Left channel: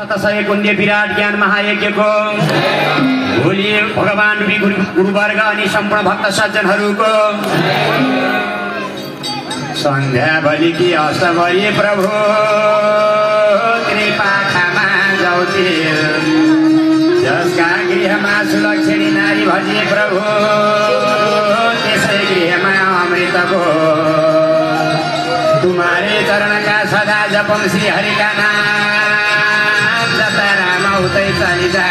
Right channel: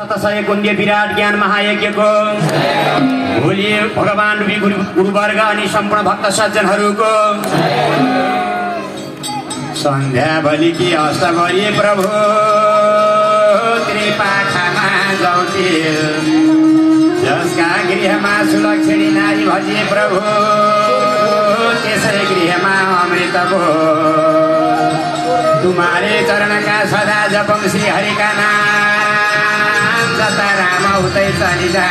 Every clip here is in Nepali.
शतसय कुण्ड विराट ज्ञान महायज्ञको भोलि भगवान गुरुवर्ग अनि सम्पूर्ण भक्त सज्जनहरूको सन्ध्या बलिकी अष्ट गरी प्रभु कृपा खामा जाउथे जसका गृहमा सुलक्षणी नारी भजे प्रभु त्यसै गृहमा अमृतको तुम्हारे चरण का सदा जपम श्री हरि का नाम जता राम उतै चलिजा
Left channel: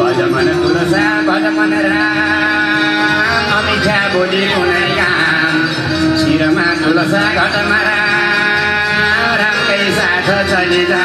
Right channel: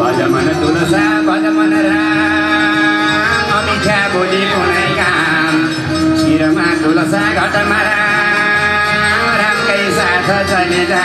भज मन तुलसा भज मन राम अमिठा बोली कुनै काम शिरमा तुलसा घटमा रामकै साथ चलिजा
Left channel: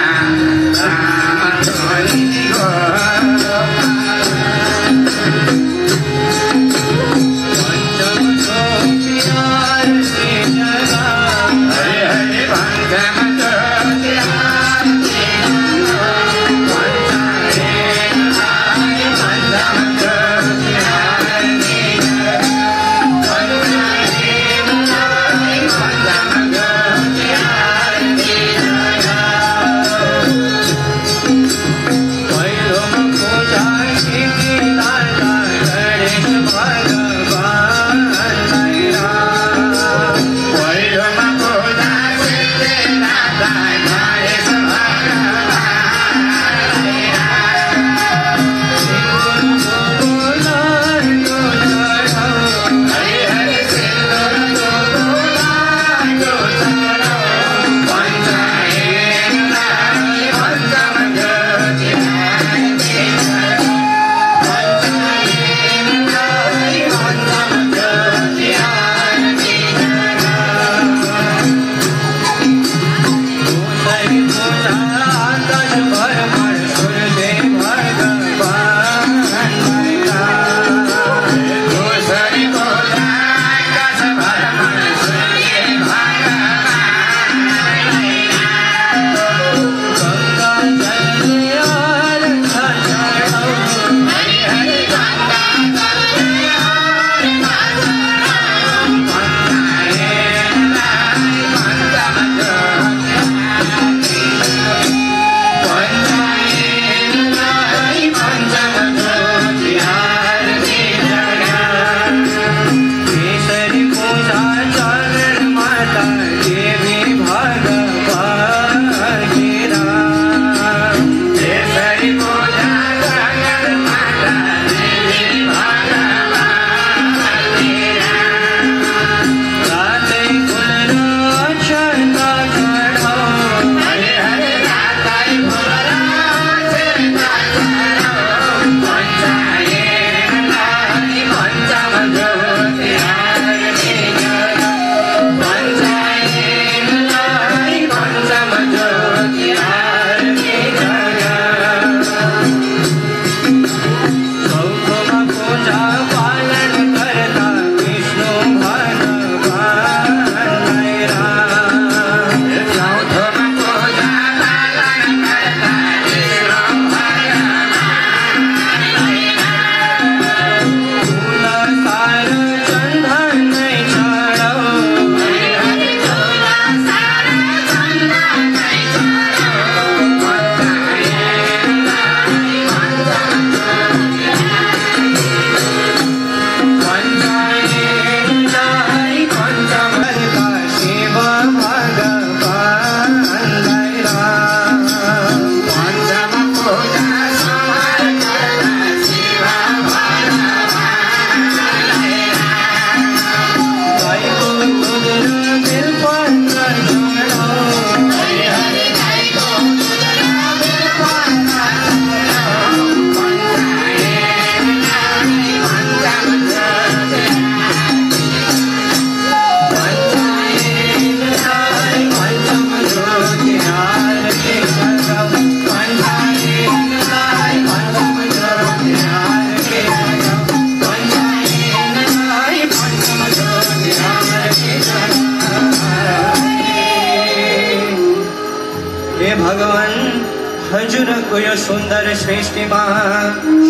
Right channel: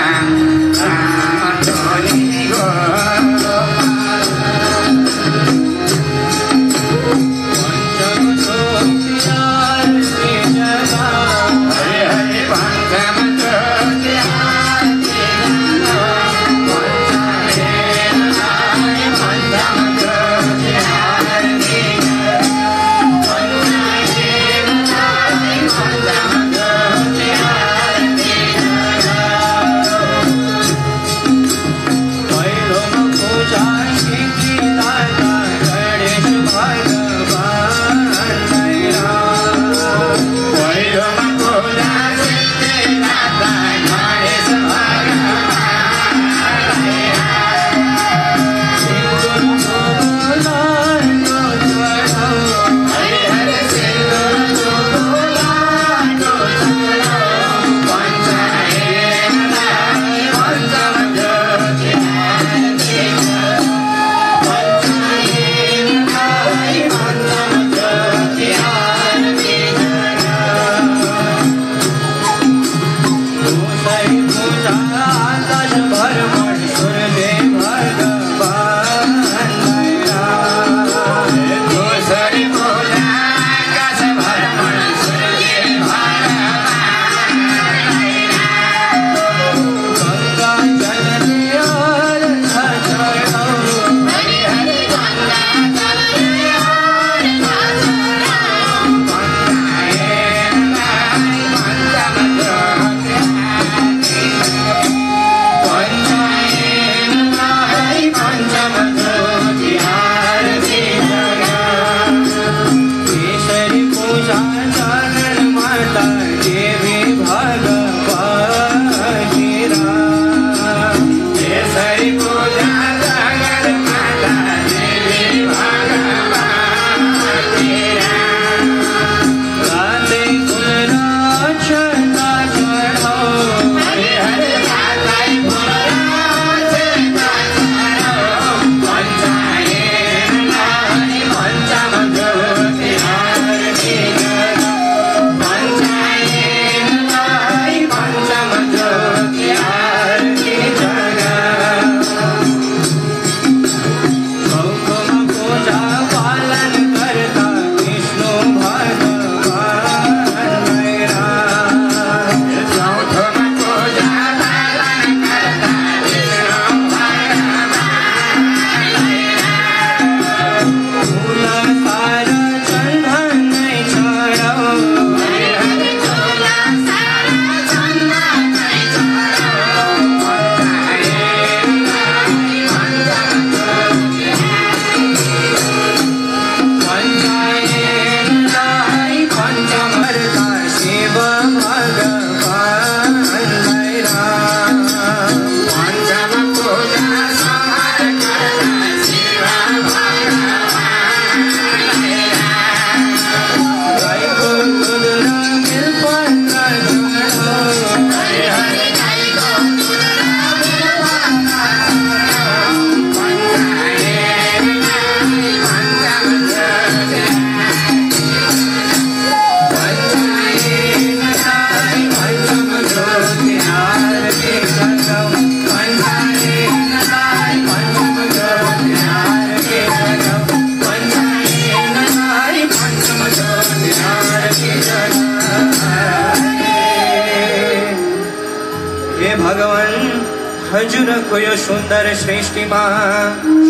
हजुरको यो सुन्दर सृष्टिमा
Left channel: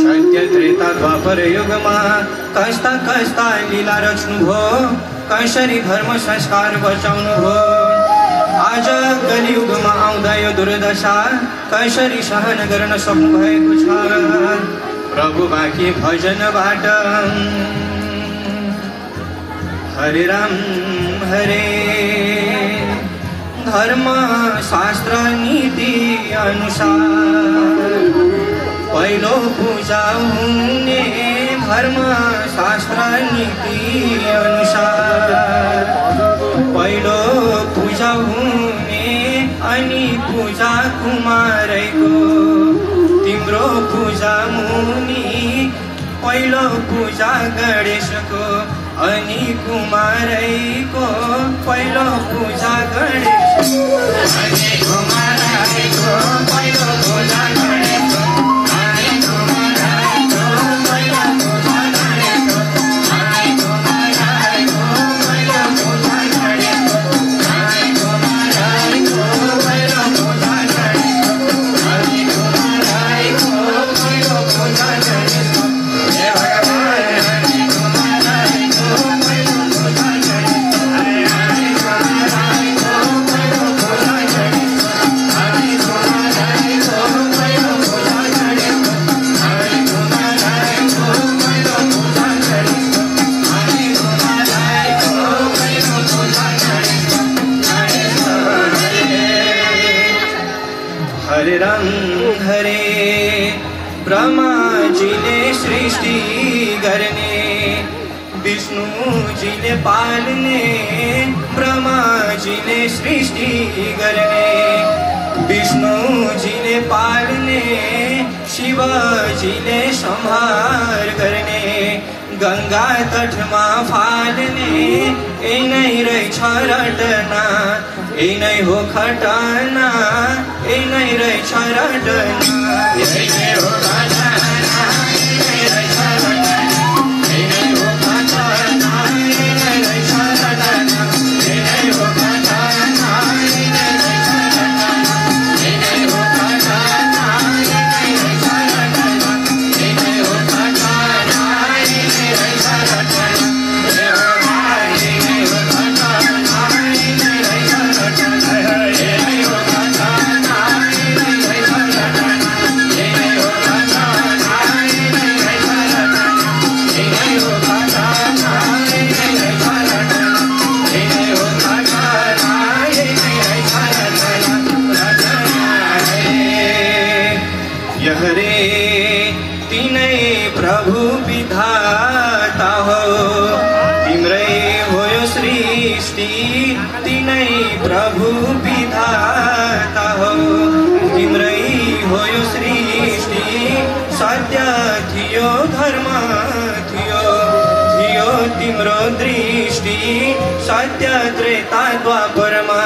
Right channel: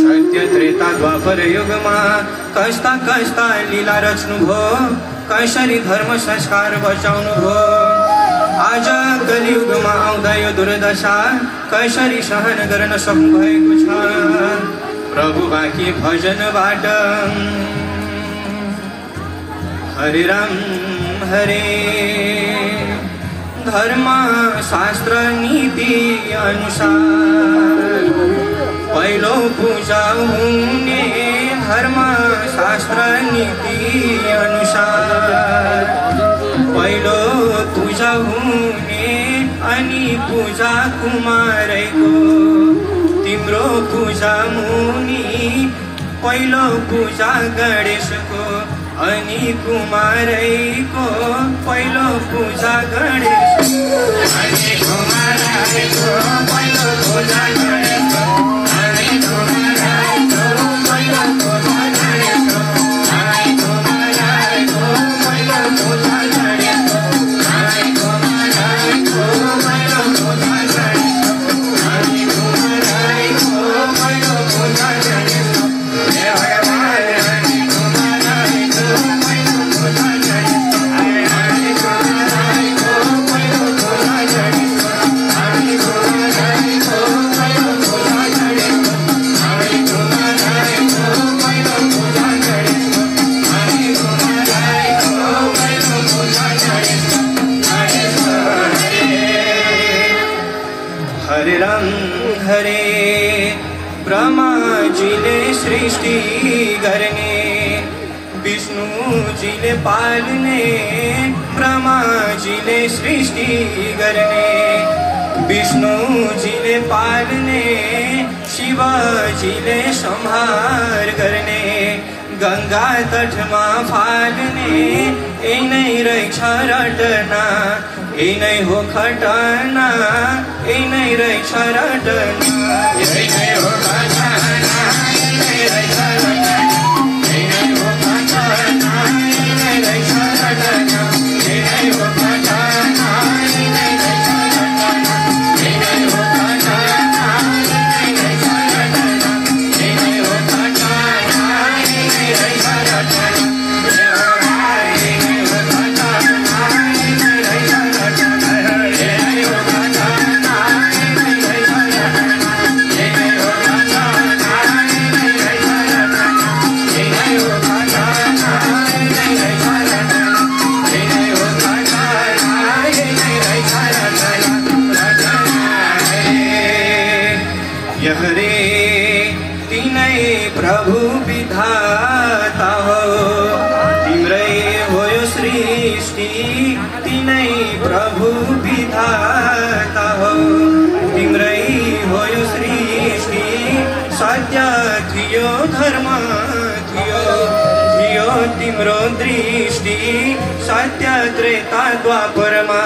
सत्य त्रेता द्वापर युगमा कस्ता कस्ता लीला रच्नुभयो, कसरी धर्म संस्कार बचाउनुभयो। आज कलियुगमा आउँदा यो दुर्दशा कसरी सहन गर्न सक्नुभएको छ प्रभु बाँकी भजनबाट। हरे राम हरे धर्म शास्त्र नीति अनुसार पहिलो पूजा हुने धर्म शास्त्र नीति अनुसार पहिलो पूजा हुने अनि पूजा कुमारैको तिम्रो पूजा मुनि पहिलो पूजा गणेशको अनि कुमारैको पहिलो पूजा गणेशको अनि कुमारैको पहिलो पूजा गणेशको अनि कुमारैको पहिलो पूजा गणेशको अनि कुमारैको पहिलो पूजा गणेशको अनि कुमारैको पहिलो पूजा गणेशको अनि कुमारैको पहिलो पूजा गणेशको हे भगवान अनि कुमारैको पहिलो पूजा गणेशको अनि कुमारैको पहिलो पूजा गणेशको अनि कुमारैको पहिलो पूजा गणेशको अनि कुमारैको पहिलो पूजा गणेशको अनि कुमारैको पहिलो पूजा गणेशको हरे राम हरे ब्रह्माजीले सृष्टि गर्ने विष्णुजीले पाल्ने ब्रह्माजीले सृष्टि गर्ने विष्णुजीले पाल्ने शिवजीले संहार गर्ने गंगा तटमा फाल्ने ए नै रहेछ रटना ए नै हो खटना ए नै रहेछ रटना ए नै हो खटना ए नै रहेछ रटना ए नै हो खटना ए नै रहेछ रटना ए नै हो खटना ए नै रहेछ रटना ए नै हो खटना ए नै रहेछ रटना ए नै हो खटना ए नै रहेछ रटना हरे तिनै प्रभु विधाता हो तिम्रै हो यो सृष्टि तिनै प्रभु विधाता हो तिम्रै हो यो सृष्टि सत्य थियो धर्म थियो थियो तिम्रो दृष्टि सत्य त्रेता द्वापरमा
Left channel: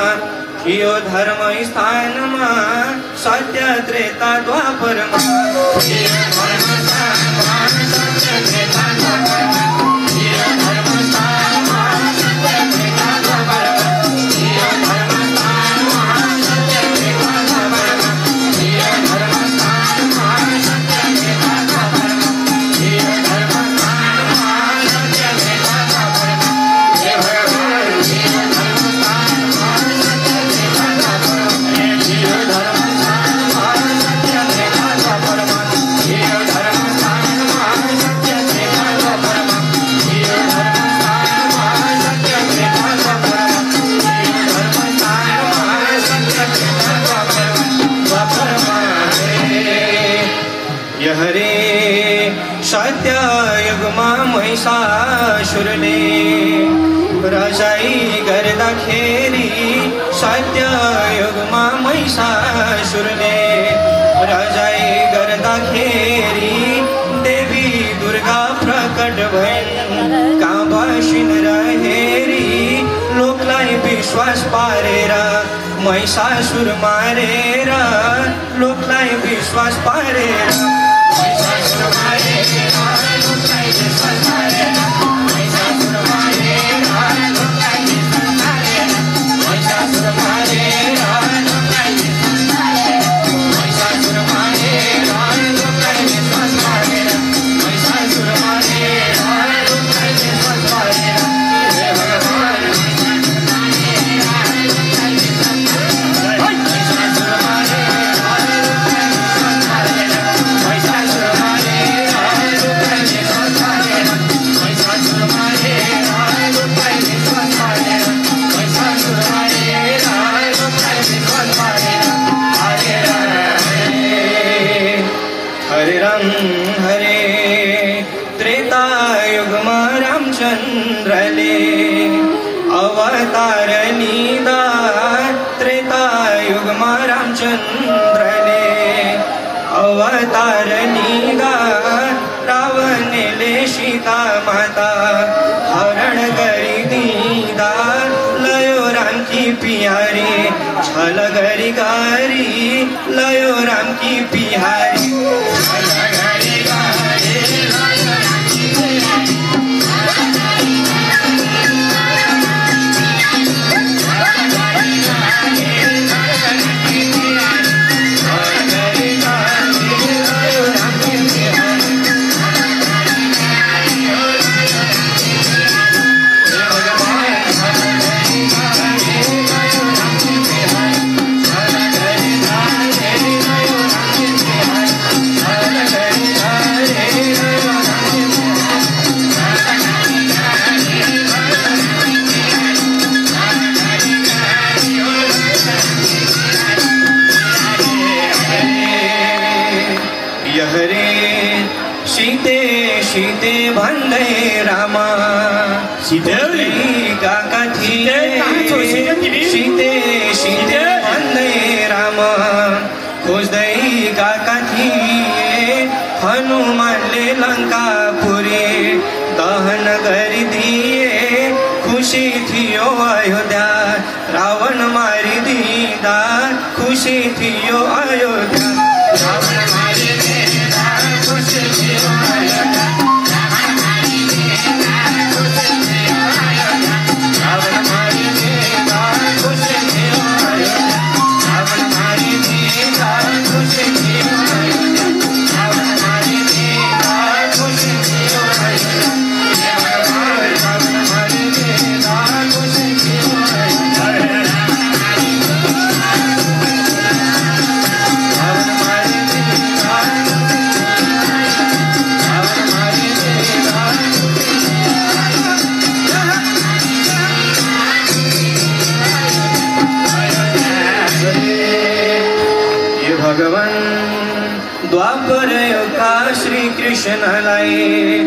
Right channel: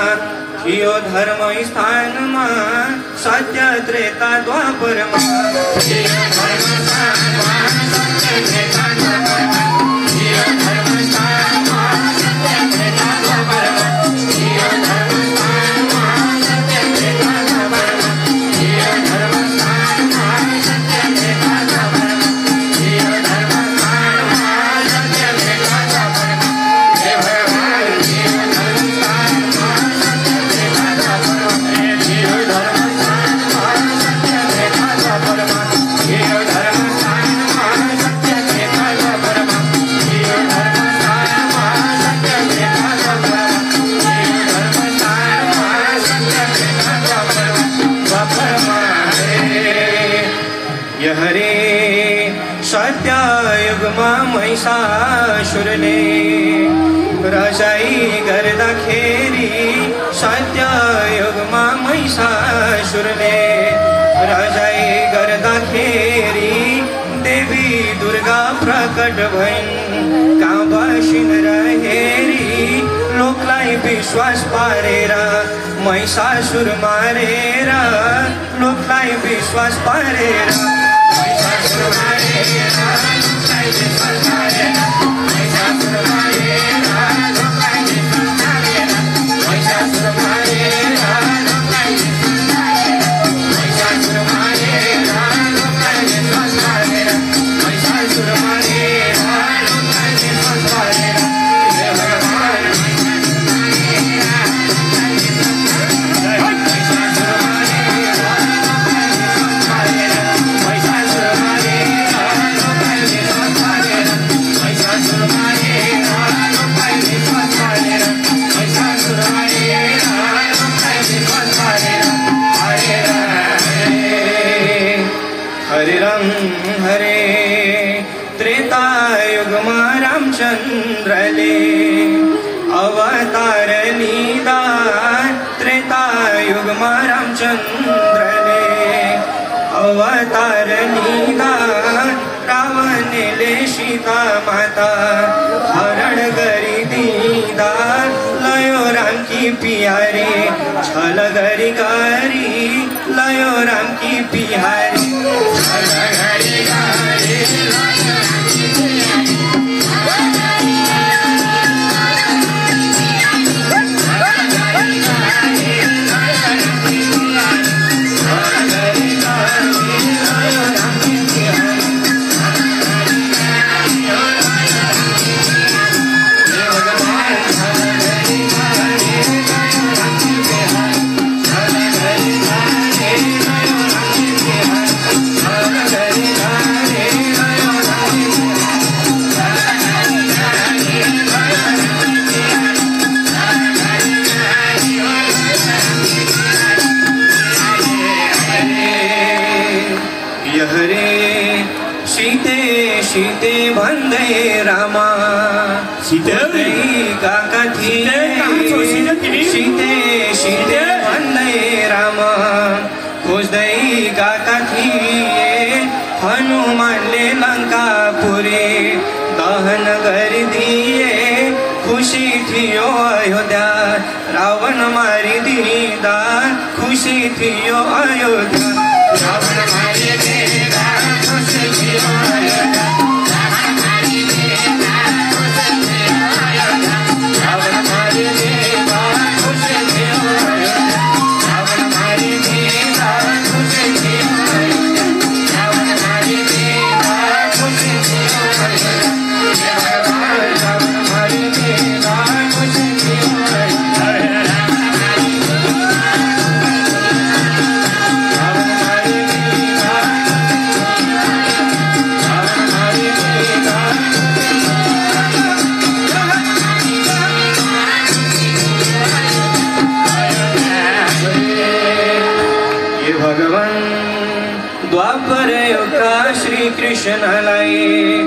थियो धर्म स्थानमा सत्य त्रेता द्वापरमा थियो धर्म स्थानमा सत्य त्रेता द्वापरमा थियो धर्म स्थानमा सत्य त्रेता द्वापरमा थियो धर्म स्थानमा सत्य त्रेता द्वापरमा थियो धर्म स्थानमा सत्य त्रेता द्वापरमा थियो धर्म स्थानमा सत्य त्रेता द्वापरमा हे भगवान थियो धर्म स्थानमा हरे सत्य युगमा महिषासुरले रजाई गर्दाखेरि सत्य युगमा महिषासुरले रजाई गर्दाखेरि देवी दुर्गा प्रकट भइन् कहाँ बसिन् र हेरी लोकलाई विश्वास पारेर महिषासुर मारेर लोकलाई विश्वास पारेर महिषासुर मारेर लोकलाई विश्वास पारेर महिषासुर मारेर लोकलाई विश्वास पारेर महिषासुर मारेर लोकलाई विश्वास पारेर महिषासुर मारेर लोकलाई विश्वास पारेर महिषासुर मारेर लोकलाई विश्वास पारेर हे भगवान महिषासुर मारेर लोकलाई विश्वास पारेर हरे राम हरे त्रेतायुगमा रामचंद्रले अवतार लीधा त्रेतायुगमा रामचंद्रले अवतार लीधा रावणले सीता माता हरण करी दीदा लयो राम की पियारे छल गरी गारी लयो राम की पिहारी छल गरी गारी सीते वंदे रामा सीते कथी सीते सीते वंदे रामा खोज्दै गएका थिए हनुमानले लङ्कापुरी दहन गरिदिए खुसी थियो अयोध्या रावण मारिदिँदा खुसी थियो अयोध्या रावण मारिदिँदा खुसी थियो अयोध्या द्वापर युगका श्री कृष्णलाई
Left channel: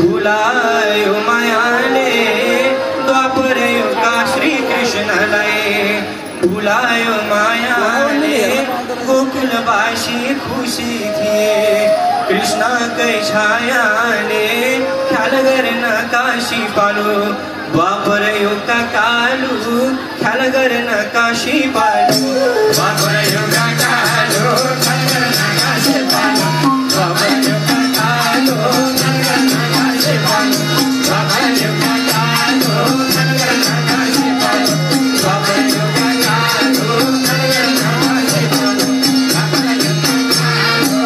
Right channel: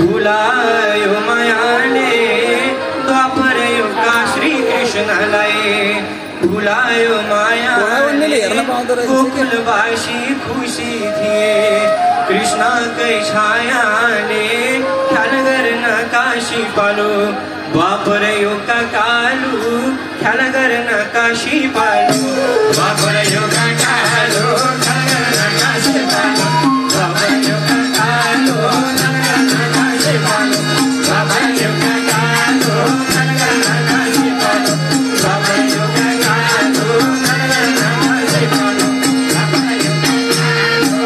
भुलायो मायाले द्वापर युगका श्री कृष्णलाई भुलायो मायाले गोकुलवासी खुसी थिए कृष्णकै छायाले ख्याल गर्न काशी पालो द्वापर युगका कालु ख्याल गर्न काशी पालो द्वापर युगका कालु ख्याल गर्न काशी पालो द्वापर युगका कालु ख्याल गर्न काशी पालो द्वापर युगका कालु ख्याल गर्न काशी पालो द्वापर युगका कालु ख्याल गर्न काशी पालो द्वापर युगका कालु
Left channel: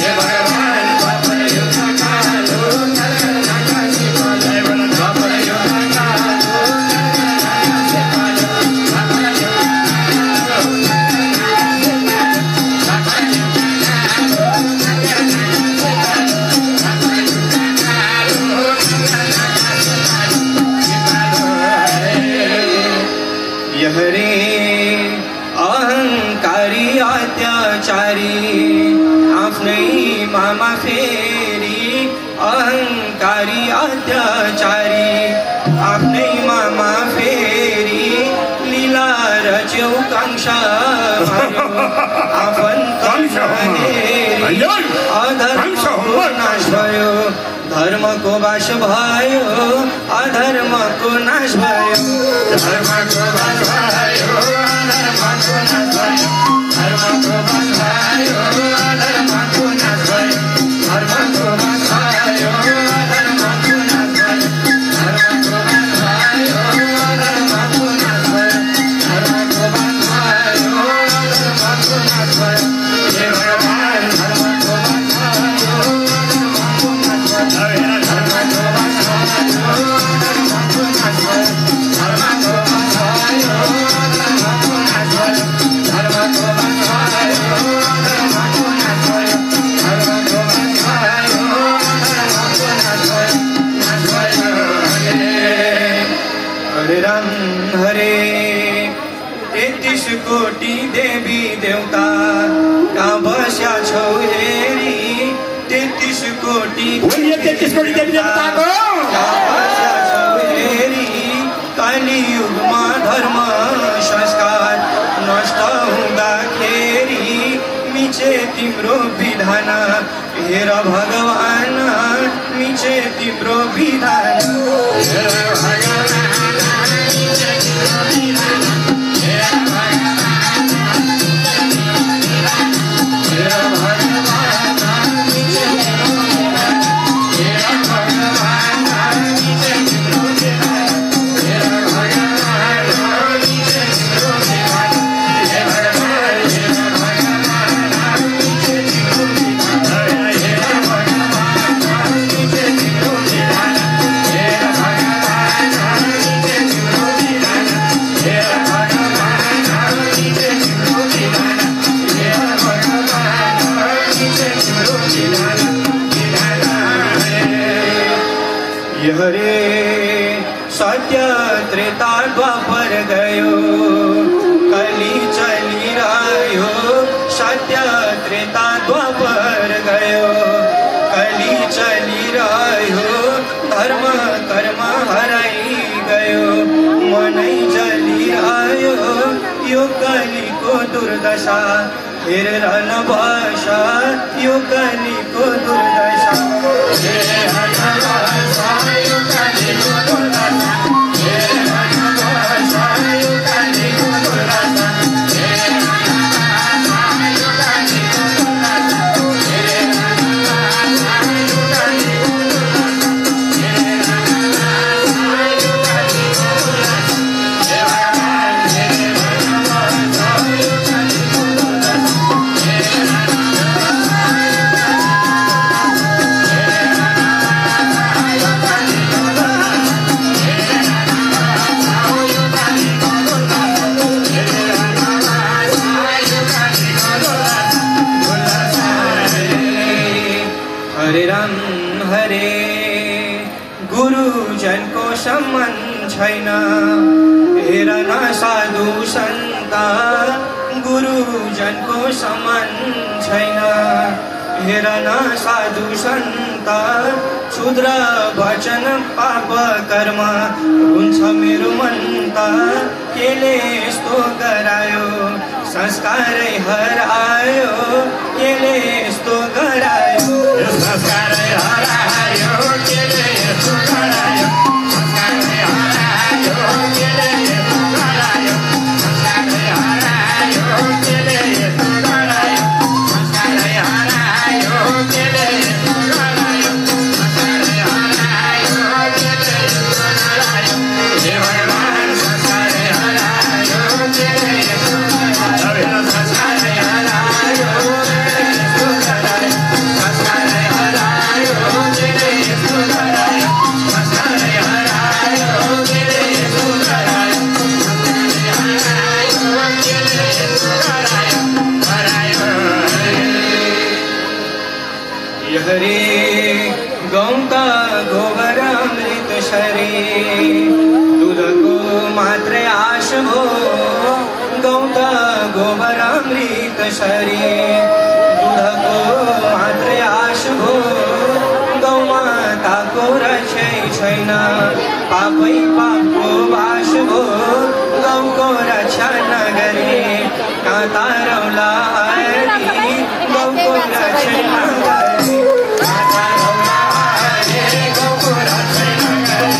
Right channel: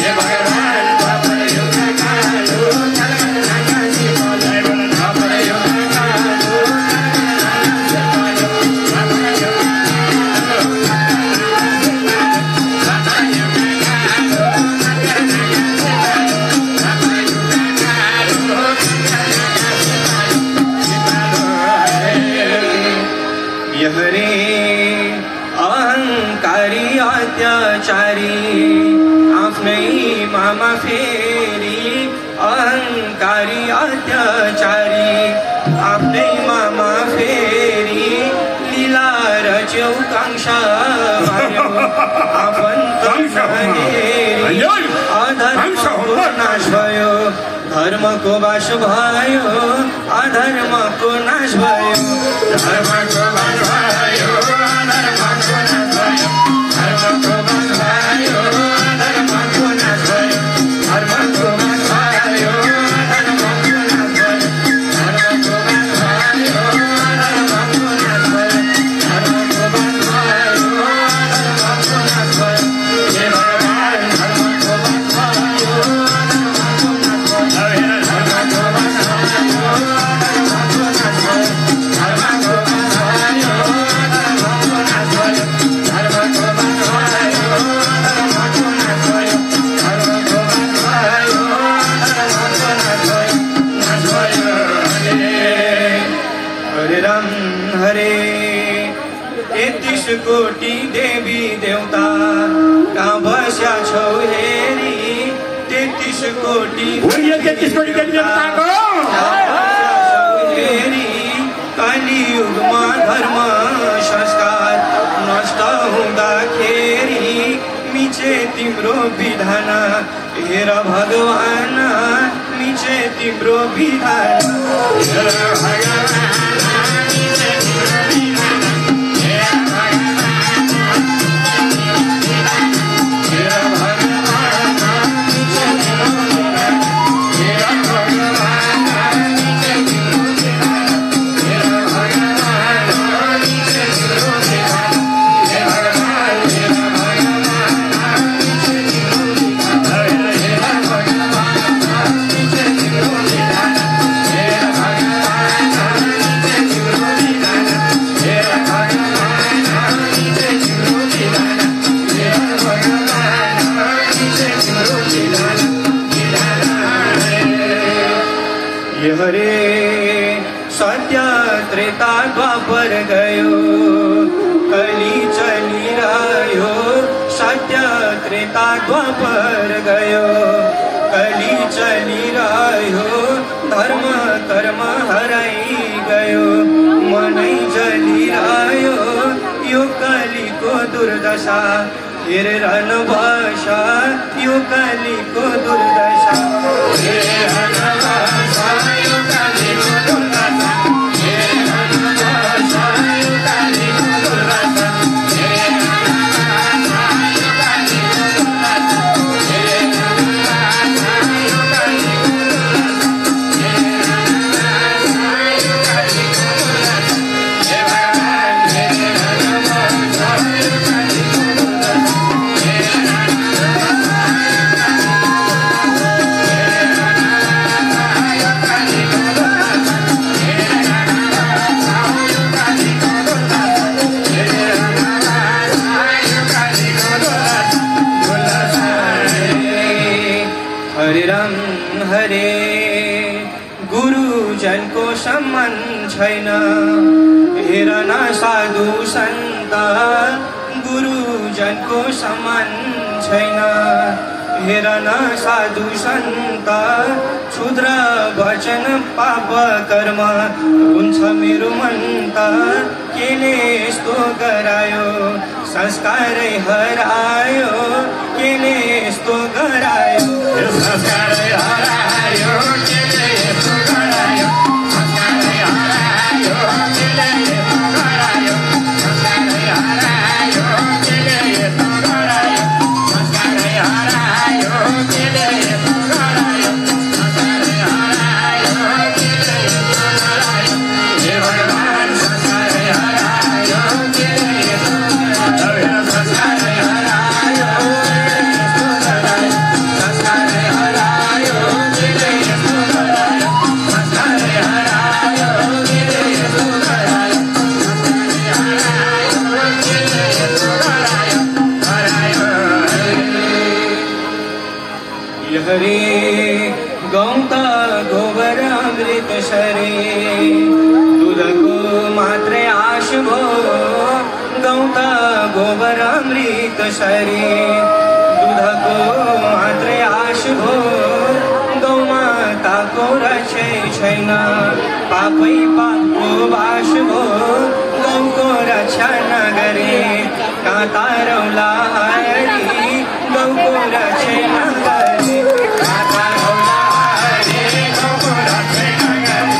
हे भगवान द्वापर युगका कालु ख्याल गर्न काशी पालो द्वापर युगका कालु हरे अहंकारी अत्याचारी आफ्नै मामा फेरि अहंकारी अत्याचारी आफ्नै मामा फेरि लीला रच्यौ कांक्षा आफन्त अधर्मको नाश भयो धर्मको वास भयो अधर्मको नाश भयो धर्मको वास भयो अधर्मको नाश भयो धर्मको वास भयो अधर्मको नाश भयो धर्मको वास भयो अधर्मको नाश भयो धर्मको वास भयो अधर्मको नाश भयो धर्मको वास भयो अधर्मको नाश भयो हे भगवान धर्मको वास भयो अधर्मको नाश भयो धर्मको वास भयो अधर्मको नाश भयो धर्मको वास भयो अधर्मको नाश भयो देवी देवता कहाँ बस्या छौ हेरी 33 कोटी देवी देवताको कलियुगमा धर्म संस्कार नष्ट हुँदाखेरि मिचे तिम्रो विधान हेर भगवान मिचे तिम्रो विधान हरे सत्य त्रेता द्वापर गयो कली चलिरह्यो सत्य त्रेता द्वापर गयो कली चलिरह्यो धर्म कर्म हराइ गयो मनै जलिरह्यो यो कलीको दुर्दशा हेरेर नबस यो कलीको दुर्दशा हरे गुरुजनको सम्मान छैन हेर न साधु सन्त गुरुजनको सम्मान छैन हेर न साधु सन्त क्षुद्र वचन पाप कर्म हुन्छ मेरो मन त केले यस्तो गरायो संस्कारै हरायो केले यस्तो गरायो संस्कारै हरायो केले यस्तो गरायो संस्कारै हरायो केले यस्तो गरायो संस्कारै हरायो केले यस्तो गरायो संस्कारै हरायो केले यस्तो गरायो संस्कारै हरायो केले यस्तो गरायो हे भगवान संस्कारै हरायो केले यस्तो गरायो संस्कारै हरायो केले यस्तो गरायो संस्कारै हरायो केले यस्तो गरायो संस्कारै हरायो केले यस्तो गरायो हरे गौता गोबर अमृत शरे दूधको मात्रै आश भो गौता गोबर अमृत शरे दूधको मात्रै आश भो गौमाताको रक्षै छैन पापै पापको बास भो गौको रक्षा नगरे काँता रौला हरि गौको रक्षै नगरे काँता रौला हरि गौको रक्षै नगरे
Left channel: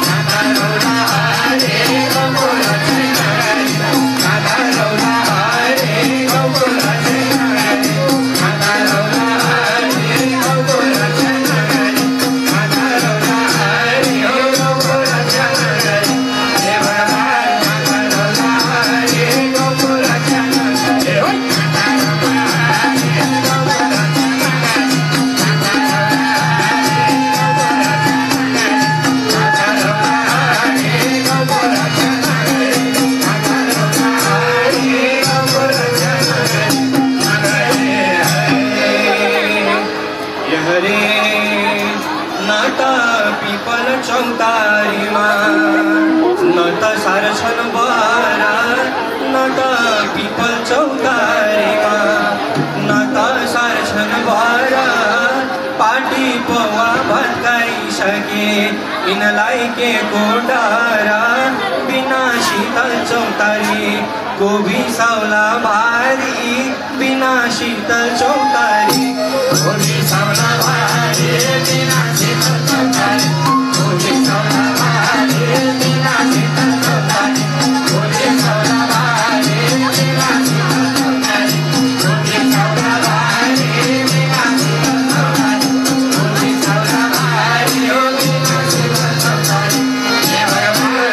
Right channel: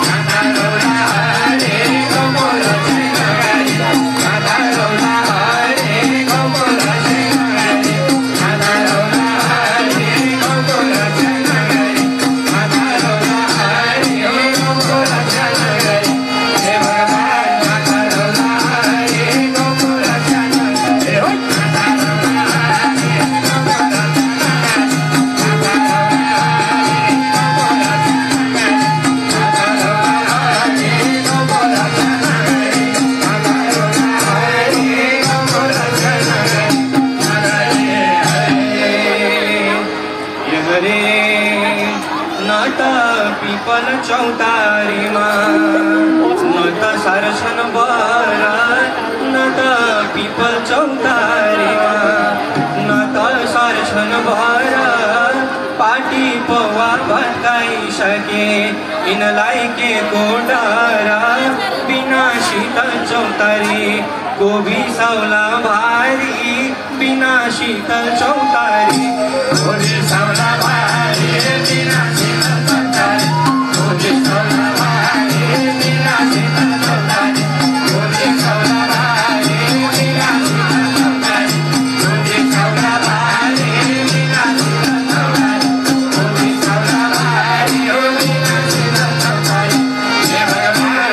काँता रौला हरि गौको रक्षै नगरे काँता रौला हरि गौको रक्षै नगरे काँता रौला हरि गौको रक्षै नगरे काँता रौला हरि गौको रक्षा नगरे हे भगवान काँता रौला हरि गौको रक्षा नगरे काँता रौला हरि गौको रक्षा नगरे यिनलाई के को डर बिना शीतल चौतारी गोभी सौला भारी बिना शीतल चौतारी गोभी सौला भारी बिना शीतल चौतारी गोभी सौला भारी बिना शीतल चौतारी गोभी सौला भारी बिना शीतल चौतारी गोभी सौला भारी बिना शीतल चौतारी गोभी सौला भारी बिना शीतल चौतारी हे भगवान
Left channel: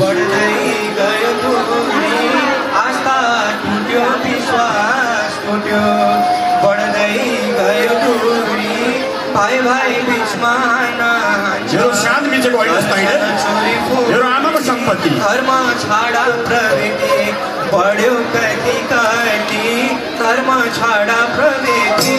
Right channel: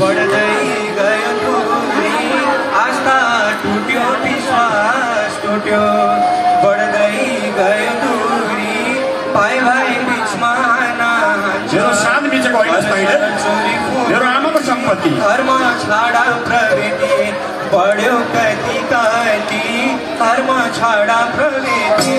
बढ्दै गयो दूरी आस्था टुट्यो विश्वास टुट्यो बढ्दै गयो दूरी भाइ भाइ बिचमा मेरो सानो बिचको अवस्था होइन मेरो आमाको सम्पत्ति धर्म छाडा प्रवृत्ति बढ्यो कति कति धर्म छाडा प्रवृत्ति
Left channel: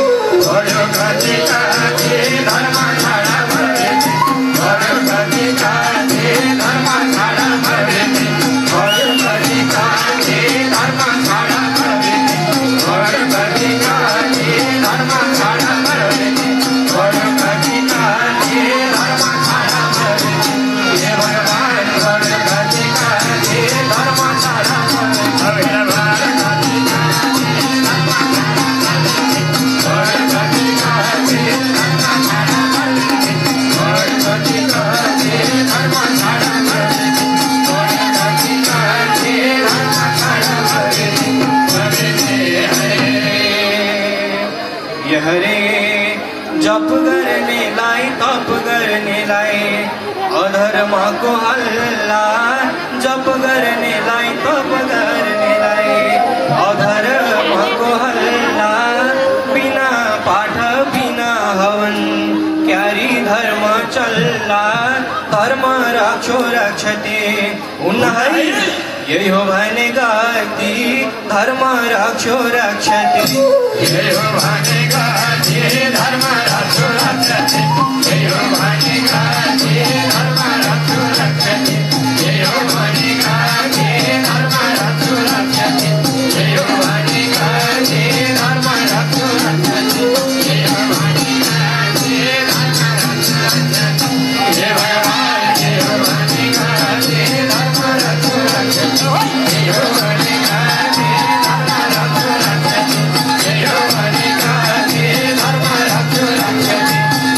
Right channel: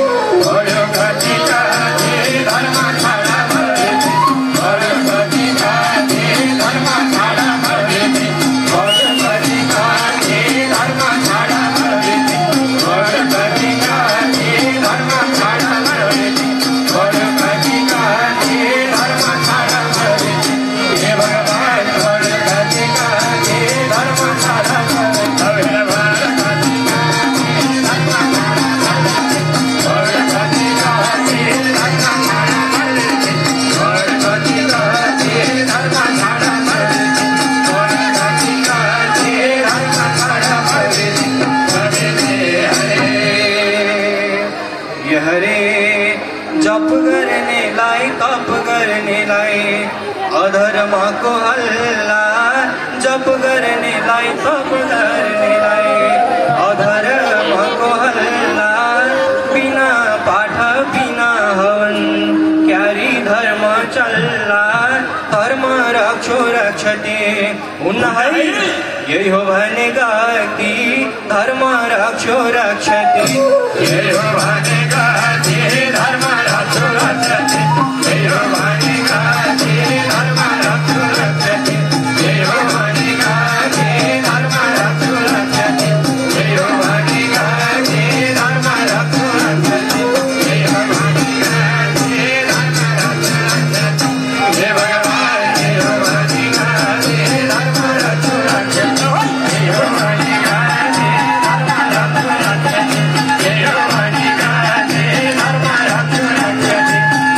बढ्यो कति कति धर्म छाडा प्रवृत्ति बढ्यो कति कति धर्म छाडा प्रवृत्ति बढ्यो कति कति धर्म छाडा प्रवृत्ति बढ्यो कति कति धर्म छाडा प्रवृत्ति बढ्यो कति कति धर्म छाडा प्रवृत्ति हे भगवान बढ्यो कति कति धर्म छाडा हरे जप गर्नेलाई तप गर्नेलाई अधर्मको हल्ला जप गर्नेलाई तप गर्नेलाई अधर्मको हल्ला बिना पाठ बिना हवन क्यारी धर्म चल्ला धर्म रक्षो रक्षते उन्नहै यही हो भने गति धर्म रक्षो रक्षते यही हो भने गति धर्म रक्षो रक्षते यही हो भने गति धर्म रक्षो रक्षते यही हो भने गति धर्म रक्षो रक्षते यही हो भने गति धर्म रक्षो रक्षते यही हो भने गति धर्म रक्षो रक्षते हे भगवान यही हो भने गति धर्म रक्षो रक्षते यही हो भने गति धर्म रक्षो रक्षते यही हो भने गति धर्म रक्षो रक्षते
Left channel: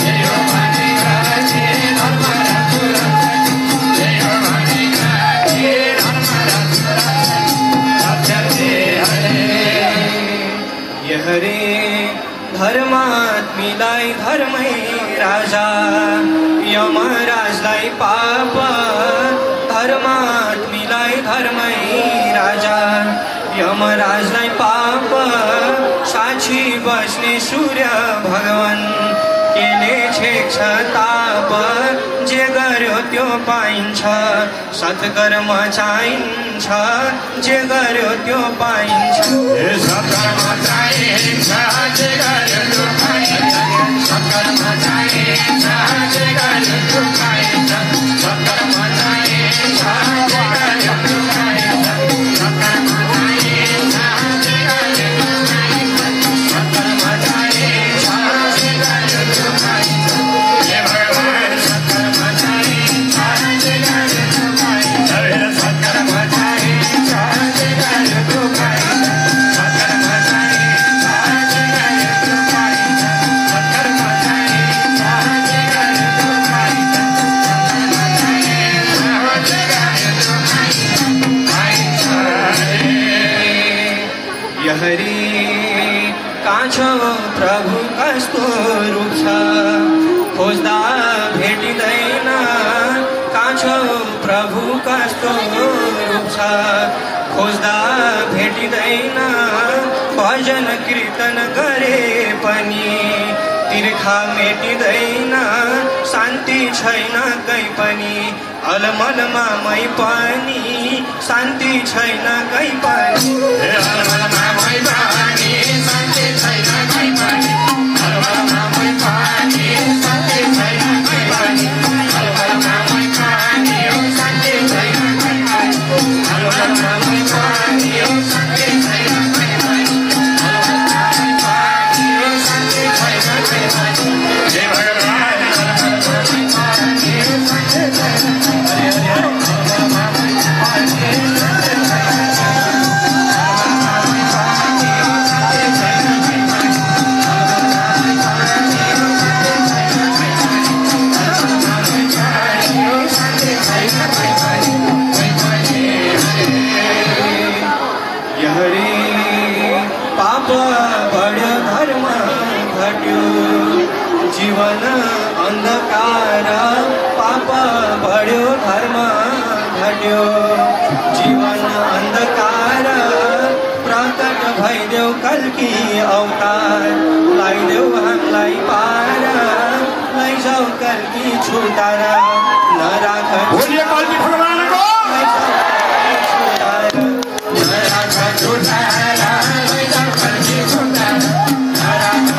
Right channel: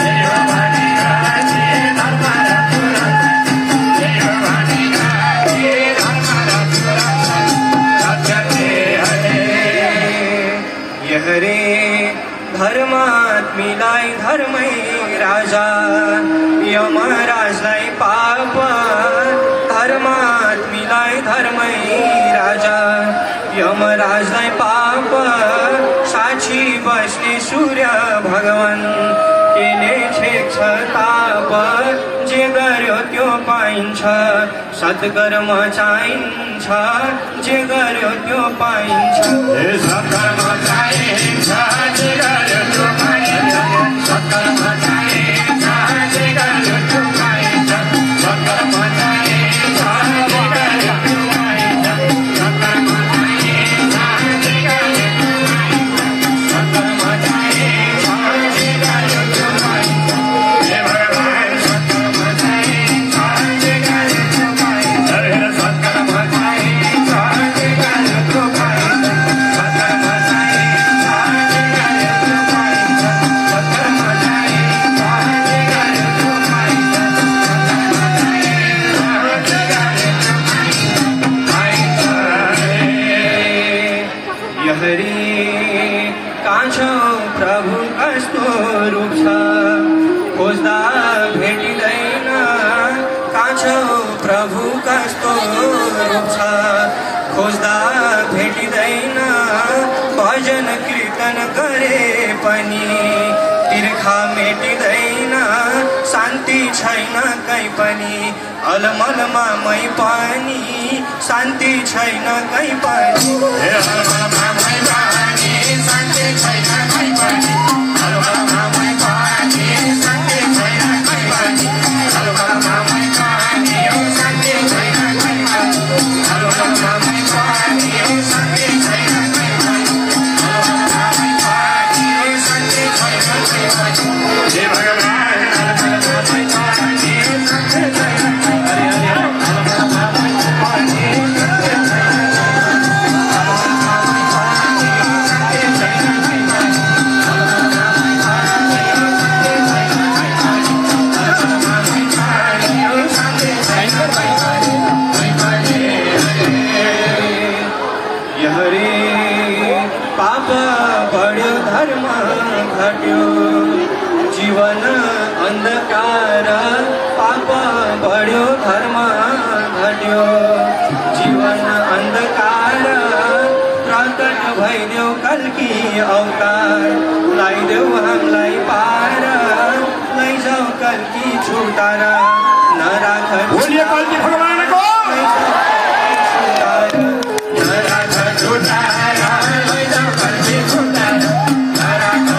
यही हो भने गति धर्म रक्षो रक्षते यही हो भने गति धर्म रक्षो रक्षते हरे धर्मात्मीलाई धर्मै राजा यमराजलाई पाप धर्मात्मीलाई धर्मै राजा यमराजलाई पाप साक्षी बस्ने सूर्य भगवान केले छेक्छ ताप जे गर्यो त्यो पाइन्छ सत्कर्म चाहिन्छ जे गर्यो त्यो पाइन्छ सत्कर्म चाहिन्छ जे गर्यो त्यो पाइन्छ सत्कर्म चाहिन्छ जे गर्यो त्यो पाइन्छ सत्कर्म चाहिन्छ जे गर्यो त्यो पाइन्छ सत्कर्म चाहिन्छ जे गर्यो त्यो पाइन्छ सत्कर्म चाहिन्छ जे गर्यो त्यो पाइन्छ हे भगवान सत्कर्म चाहिन्छ जे गर्यो त्यो पाइन्छ सत्कर्म चाहिन्छ जे गर्यो त्यो पाइन्छ सत्कर्म चाहिन्छ जे गर्यो त्यो पाइन्छ सत्कर्म चाहिन्छ जे गर्यो त्यो पाइन्छ सत्कर्म चाहिन्छ जे गर्यो त्यो पाइन्छ हरि कान्छो प्रभु कस्तो रूप छ खोज्दा भेटिँदैन कान्छो प्रभु कस्तो रूप छ खोज्दा भेटिँदैन भजन कीर्तन गरे पनि तिर्खा मेटिँदैन शान्ति छैन कहीँ पनि अलमलमा मै पनि शान्ति छैन कहीँ पनि अलमलमा मै पनि शान्ति छैन कहीँ पनि अलमलमा मै पनि शान्ति छैन कहीँ पनि अलमलमा मै पनि शान्ति छैन कहीँ पनि अलमलमा मै पनि शान्ति छैन कहीँ पनि अलमलमा मै पनि शान्ति छैन कहीँ पनि हे भगवान पाप बढ्यो धर्म घट्यो जीवन अन्धकार पाप बढ्यो धर्म घट्यो जीवन अन्धकार प्रकट भइदेऊ कल्की अवतार लगाइदेऊ हामीलाई पार लैजाऊ कल्की छुटार नराख भगवानको नराख छुटार लैजाऊ कल्की छुटार नराख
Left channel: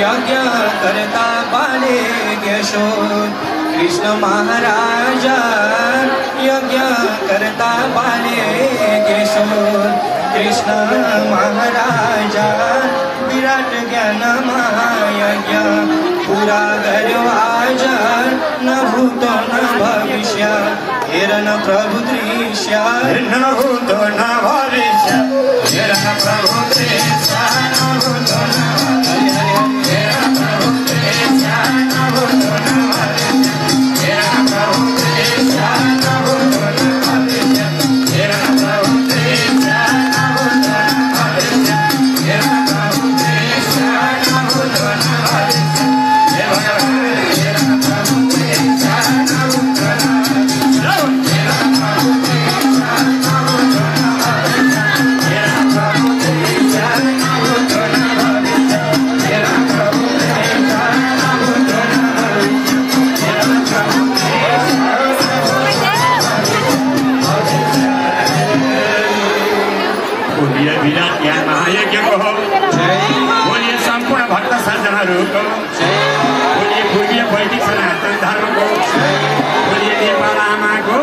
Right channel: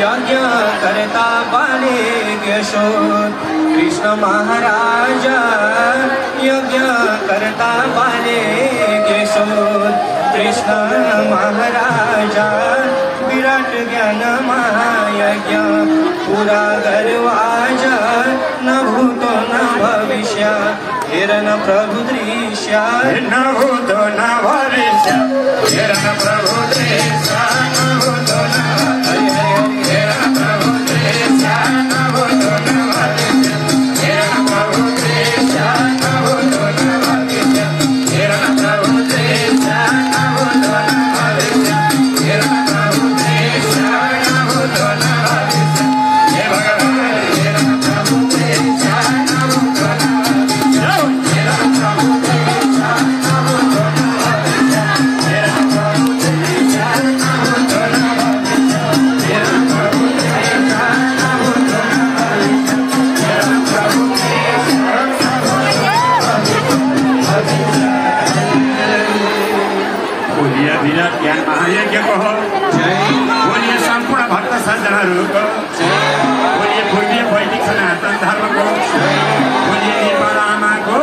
यज्ञ करता बाले यशोर कृष्ण महाराजा यज्ञ करता बाले यशोर कृष्ण महाराजा विराट ज्ञान महायज्ञ पूरा गर्यो आज न भूतो न भविष्य हेर न प्रभु दृश्य न भूतो न भविष्य हेर न प्रभु दृश्य न भूतो न हेर न प्रभु दृश्य न भूतो न भविष्य हेर न प्रभु दृश्य न भूतो न भविष्य हेर न प्रभु दृश्य न भूतो न भविष्य हेर न प्रभु दृश्य न भूतो न भविष्य हे भगवान हेर न प्रभु दृश्य न भूतो न भविष्य हेर न प्रभु दृश्य न भूतो न भविष्य हेर न प्रभु दृश्य न भूतो न भविष्य हेर न प्रभु दृश्य न भूतो न भविष्य हेर न प्रभु बोलिए विराट ज्ञान महायज्ञको हो बोलिए सम्पूर्ण भक्त सज्जनहरूको बोलिए पूर्वीय वैदिक सनातन धर्मको बोलिए नेपाल आमाको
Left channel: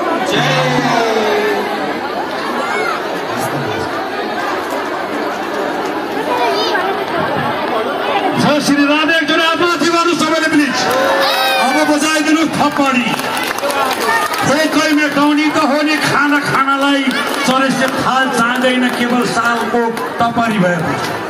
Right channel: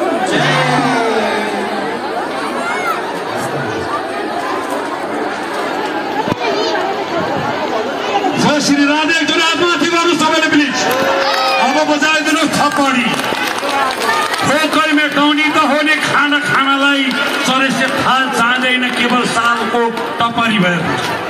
श्री राधे एकजना आत्माथि गर्नु सबैले प्लिज अब बजाइदिनु थप्पडी खोकै मेटाउने त हो नि खानालाई चरेसे थाल चाहँदैन केवल सालको टपरी भयो